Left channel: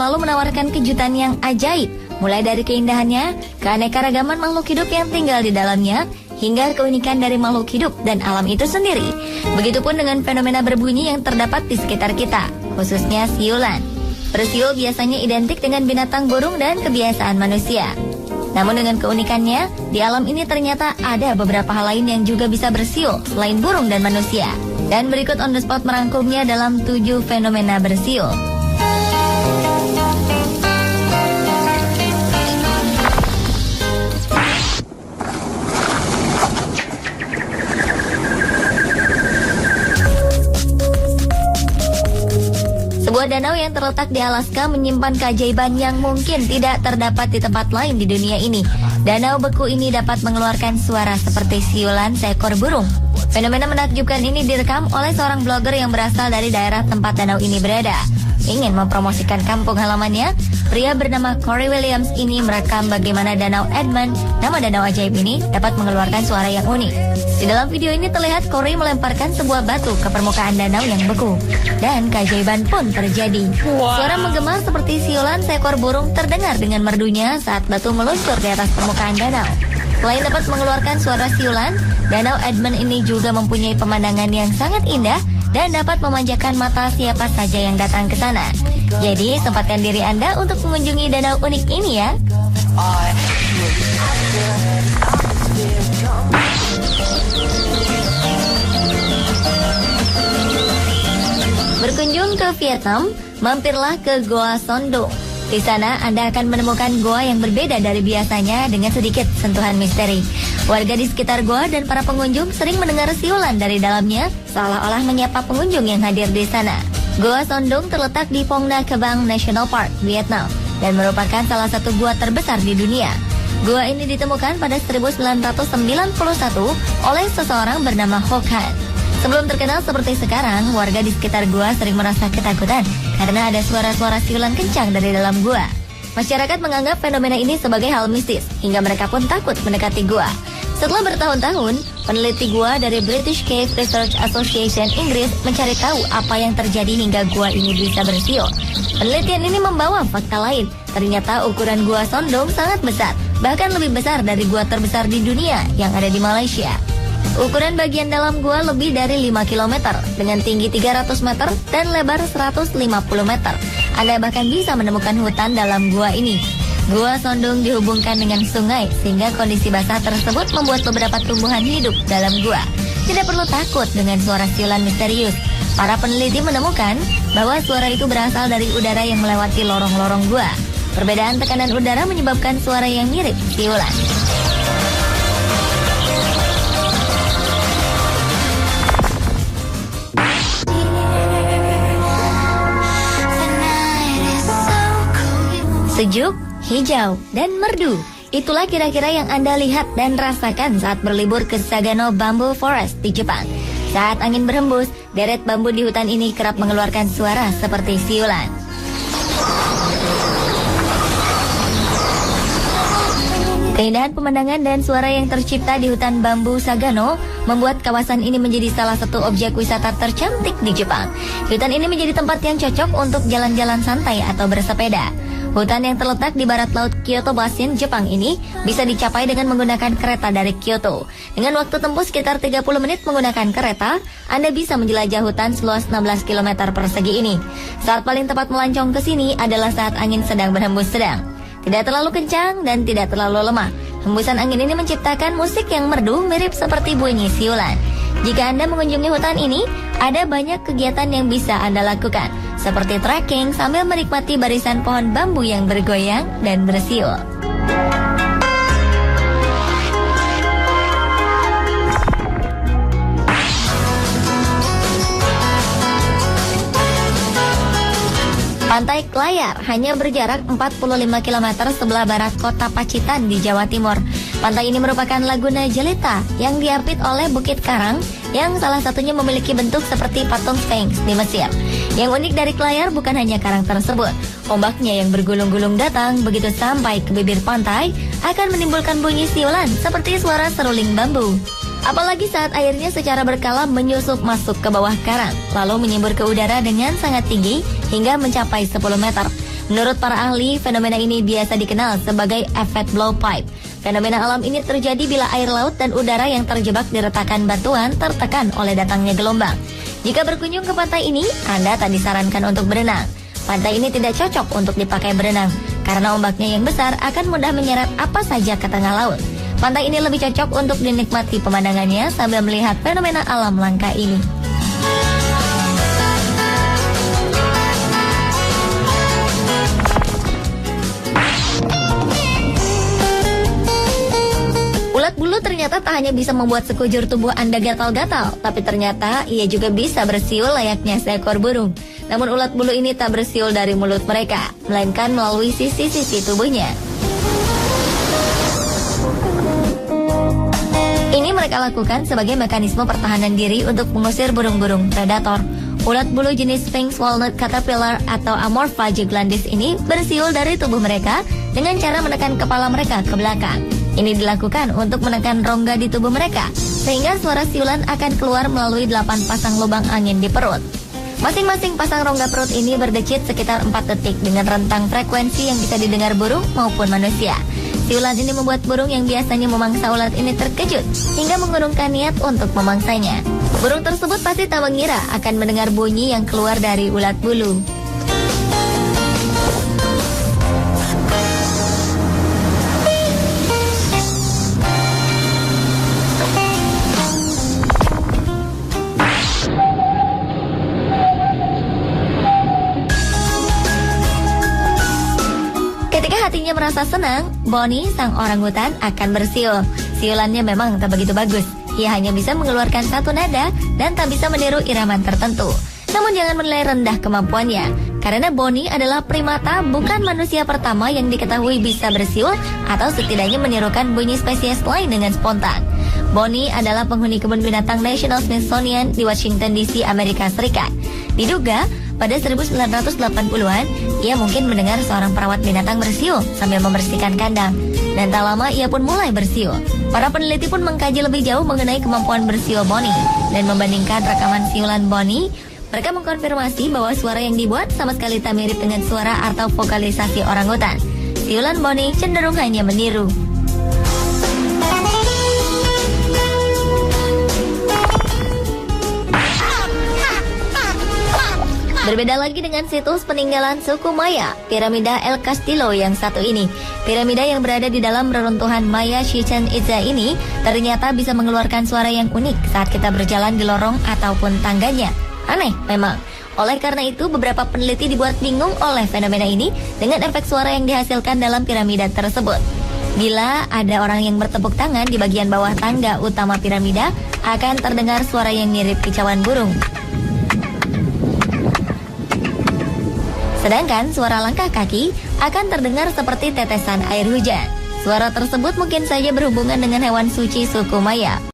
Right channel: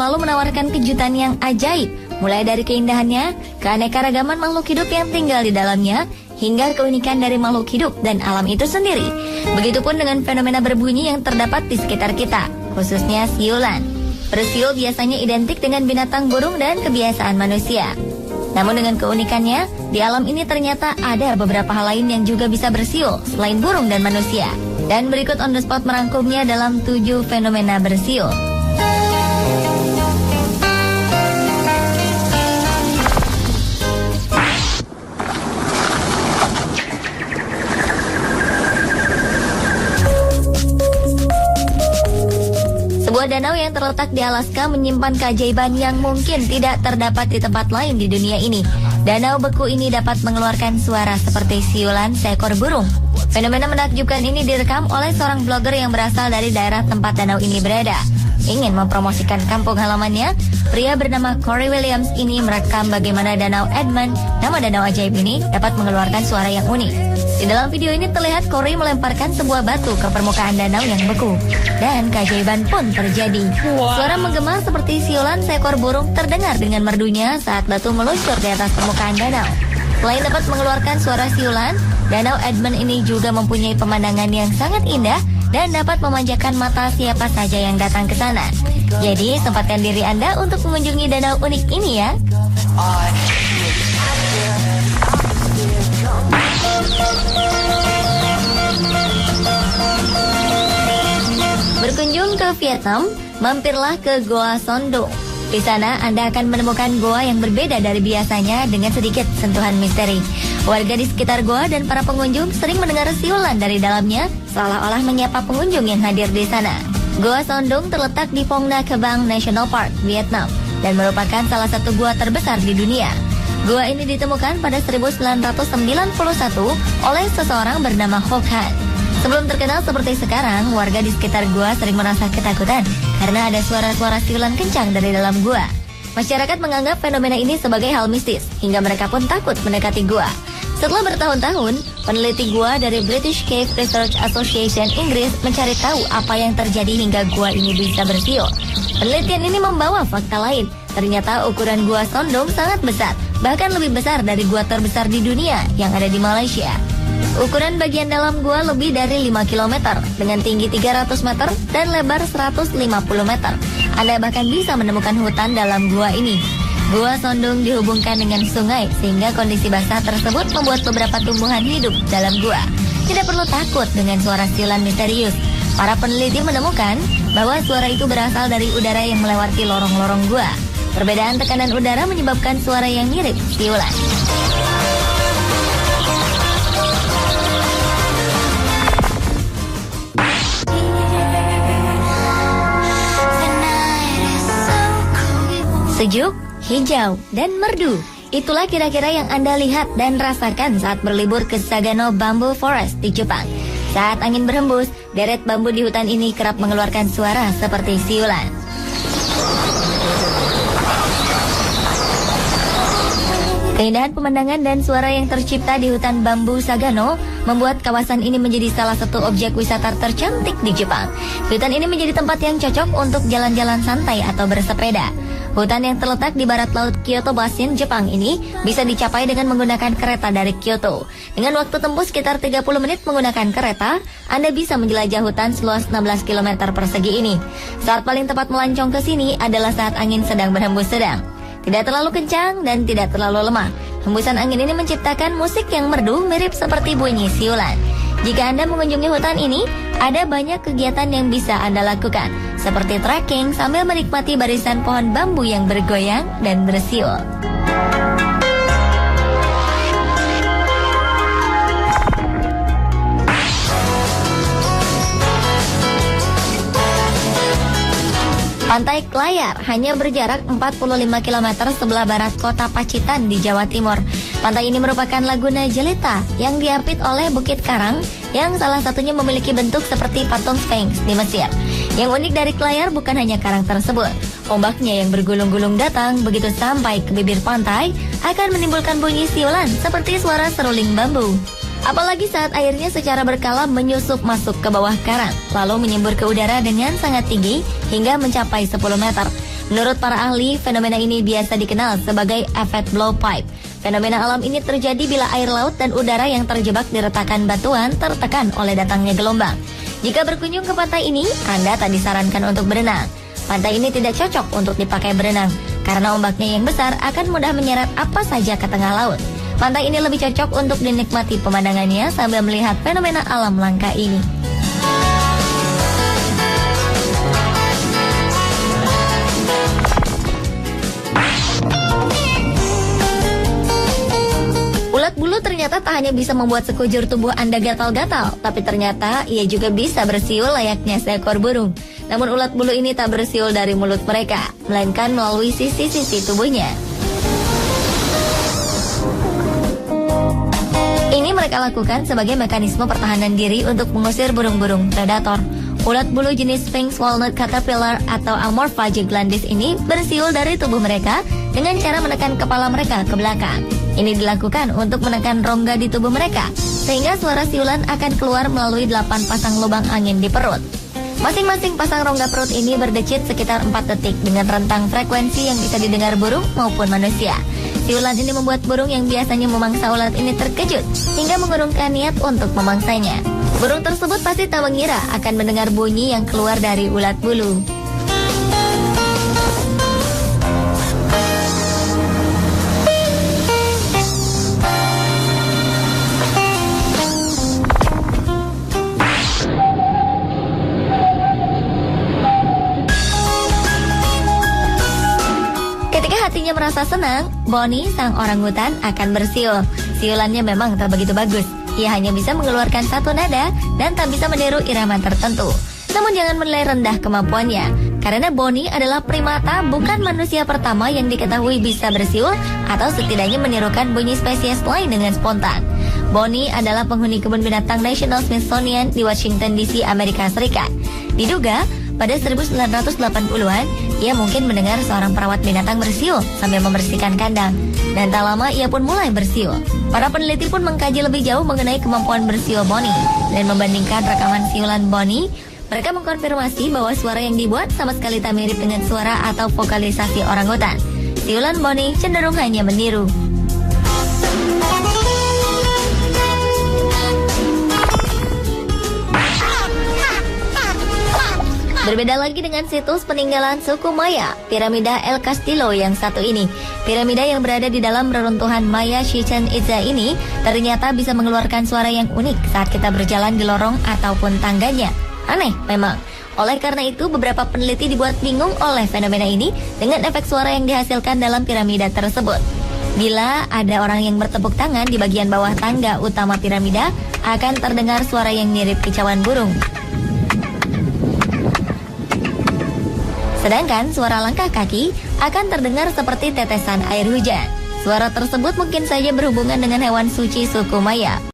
selalu menawarkan kejutan yang ajaib, mulai dari keindahannya, keanekaragaman makhluk hidup yang tinggal di dalamnya, hingga keunikan dari makhluk hidup dan alam itu sendiri. Begitupun dengan fenomena berbunyi yang terdapat di sekitar kita, khususnya siulan. Bersiul biasanya identik dengan binatang burung dan kebiasaan manusia. Namun dengan keunikannya, di alam ini ternyata ada beberapa hal lain yang juga bisa bersiul selain burung dan manusia. Dan berikut on the spot merangkumnya dalam 7 fenomena bersiul. Danau yang terletak di Alaska menyimpan keajaiban yang mungkin tidak terdapat di tempat lain di dunia ini. Danau beku ini dapat mengeluarkan suara seperti siulan seekor burung. Fenomena menakjubkan ini direkam oleh seorang blogger yang berasal dari daerah tempat danau ini berada. Ingin mempromosikan kampung halamannya, pria bernama Corey Williams ini merekam bagaimana Danau Edmund, nama danau ajaib ini, dapat mengeluarkan suara yang unik. Di dalam video ini terlihat Corey melemparkan sebuah batu ke permukaan danau yang beku. Dan keajaiban pun terjadi. Suara menggema seperti siulan seekor burung terdengar dengan merdunya saat batu meluncur di atas permukaan danau. Selain dapat mengeluarkan suara siulan, Danau Edmund ini juga mempunyai pemandangan yang sangat indah dan dapat memanjakan mata siapa saja yang datang ke sana. Jadi, sempatkan diri Anda untuk mengunjungi danau unik ini ya. Berkunjung ke Vietnam, mampirlah ke Goa Sondong. Di sana Anda akan menemukan goa yang berbeda dari biasanya dengan sedikit sentuhan misteri. Warga di sekitar goa dan para pengunjung sering mendengar siulan dari dalamnya, seolah-olah menyapa pengunjung yang hadir di sana. Goa Sondong terletak di Phong Nha Kabang National Park, Vietnam, dan merupakan salah satu gua terbesar di dunia. Gua ini ditemukan pada 1991 oleh seseorang bernama Ho Khai. Sebelum terkenal seperti sekarang, warga di sekitar gua sering merasa ketakutan karena ada suara-suara siulan kencang dari dalam gua. Masyarakat menganggap fenomena ini sebagai hal mistis, hingga mereka pun takut mendekati gua. Setelah bertahun-tahun, peneliti gua dari British Cave Research Association Inggris mencari tahu apa yang terjadi hingga gua ini bisa bersiul. Penelitian ini membawa fakta lain. Ternyata ukuran gua Sondong sangat besar, bahkan lebih besar dari gua terbesar di dunia yang ada di Malaysia. Ukuran bagian dalam gua lebih dari 5 km dengan tinggi 300 meter dan lebar 150 meter. Anda bahkan bisa menemukan hutan dalam gua ini. Gua Sondong dihubungkan dengan sungai sehingga kondisi basah tersebut membuat beberapa tumbuhan hidup dalam gua. Tidak perlu takut dengan suara siulan misterius. Para peneliti menemukan bahwa suara itu berasal dari udara yang melewati lorong-lorong gua. Perbedaan tekanan udara menyebabkan suara yang mirip siulan. Sejuk, hijau, dan merdu. Itulah kira-kira yang Anda lihat dan rasakan saat berlibur ke Sagano Bamboo Forest di Jepang. Saat angin berembus, deret bambu di hutan ini kerap mengeluarkan suara seperti siulan. Keindahan pemandangan dan suara yang tercipta di hutan bambu Sagano membuat kawasan ini menjadi salah satu objek wisata tercantik di Jepang. Hutan ini menjadi tempat yang cocok untuk jalan-jalan santai atau bersepeda. Hutan yang terletak di barat laut Kyoto Basin, Jepang ini bisa dicapai dengan menggunakan kereta dari Kyoto. Dengan waktu tempuh sekitar 30 menit menggunakan kereta, Anda bisa menjelajah hutan seluas 16 km persegi ini. Saat paling tepat melancong ke sini adalah saat angin sedang berhembus sedang. Tidak terlalu kencang dan tidak terlalu lemah. Hembusan angin ini menciptakan musik yang merdu mirip seperti bunyi siulan. Jika Anda mengunjungi hutan ini, ada banyak kegiatan yang bisa Anda lakukan, seperti trekking sambil menikmati barisan pohon bambu yang bergoyang dan bersiul. Pantai Klayar hanya berjarak 45 km sebelah barat kota Pacitan di Jawa Timur. Pantai ini merupakan Laguna Jelita yang diapit oleh Bukit Karang yang salah satunya memiliki bentuk seperti patung Sphinx di Mesir. Yang unik dari Klayar bukan hanya karang tersebut. Ombaknya yang bergulung-gulung datang begitu sampai ke bibir pantai akan menimbulkan bunyi siulan seperti suara seruling bambu. Apalagi saat airnya secara berkala menyusup masuk ke bawah karang, lalu menyembur ke udara dengan sangat tinggi hingga mencapai 10 meter. Menurut para ahli, fenomena ini biasa dikenal sebagai efek blowpipe. Fenomena alam ini terjadi bila air laut dan udara yang terjebak di retakan batuan tertekan oleh datangnya gelombang. Jika berkunjung ke pantai ini, Anda tak disarankan untuk berenang. Pantai ini tidak cocok untuk dipakai berenang, karena ombaknya yang besar akan mudah menyeret apa saja ke tengah laut. Pantai ini lebih cocok untuk dinikmati pemandangannya sambil melihat fenomena alam langka ini. Ulat bulu ternyata tak hanya bisa membuat sekujur tubuh Anda gatal-gatal, tapi ternyata ia juga bisa bersiul layaknya seekor burung. Namun ulat bulu ini tak bersiul dari mulut mereka, melainkan melalui sisi-sisi tubuhnya. Ini mereka lakukan sebagai mekanisme pertahanan diri untuk mengusir burung-burung predator. Ulat bulu jenis Sphinx Walnut Caterpillar atau Amorpha giglandis ini bersiul dari tubuh mereka dengan cara menekan kepala mereka ke belakang. Ini dilakukan untuk menekan rongga di tubuh mereka, sehingga suara siulan akan keluar melalui 8 pasang lubang angin di perut. Masing-masing pasang rongga perut ini berdecit sekitar 4 detik dengan rentang frekuensi yang bisa didengar burung maupun manusia. Siulan ini membuat burung yang biasanya memangsa ulat ini terkejut hingga mengurungkan niat untuk memangsanya. Burung tersebut pasti tak mengira akan mendengar bunyi yang keluar dari ulat bulu. Hatinya merasa senang, Bonnie, sang orangutan, akan bersiul. Siulannya memang tak begitu bagus. Ia hanya bisa mengeluarkan satu nada dan tak bisa meniru irama tertentu. Namun jangan menilai rendah kemampuannya, karena Bonnie adalah primata, bukan manusia pertama yang diketahui bisa bersiul atau setidaknya menirukan bunyi spesies lain dengan spontan. Bonnie adalah penghuni kebun binatang National Smithsonian di Washington DC, Amerika Serikat. Diduga pada 1980-an, ia mungkin mendengar seorang perawat binatang bersiul sambil membersihkan kandang. Dan tak lama ia pun mulai bersiul. Para peneliti pun mengkaji lebih jauh mengenai kemampuan bersiul Bonnie. Dan membandingkan rekaman siulan Bonnie, mereka mengkonfirmasi bahwa suara yang dibuat sama sekali tak mirip dengan suara atau vokalisasi orangutan. Siulan Bonnie cenderung hanya meniru. Berbeda lagi dengan situs peninggalan suku Maya, piramida El Castillo yang satu ini. Piramida yang berada di dalam reruntuhan Maya Chichen Itza ini ternyata bisa mengeluarkan suara yang unik saat kita berjalan di lorong ataupun tangganya. Aneh memang. Oleh karena itu, beberapa peneliti dibuat bingung oleh fenomena ini dengan efek suara yang dihasilkan dalam piramida tersebut. Bila ada orang yang bertepuk tangan di bagian bawah tangga utama piramida, akan terdengar suara yang mirip kicauan burung. Sedangkan suara langkah kaki akan terdengar seperti tetesan air hujan. Suara tersebut mungkin saja berhubungan dengan hewan suci suku Maya.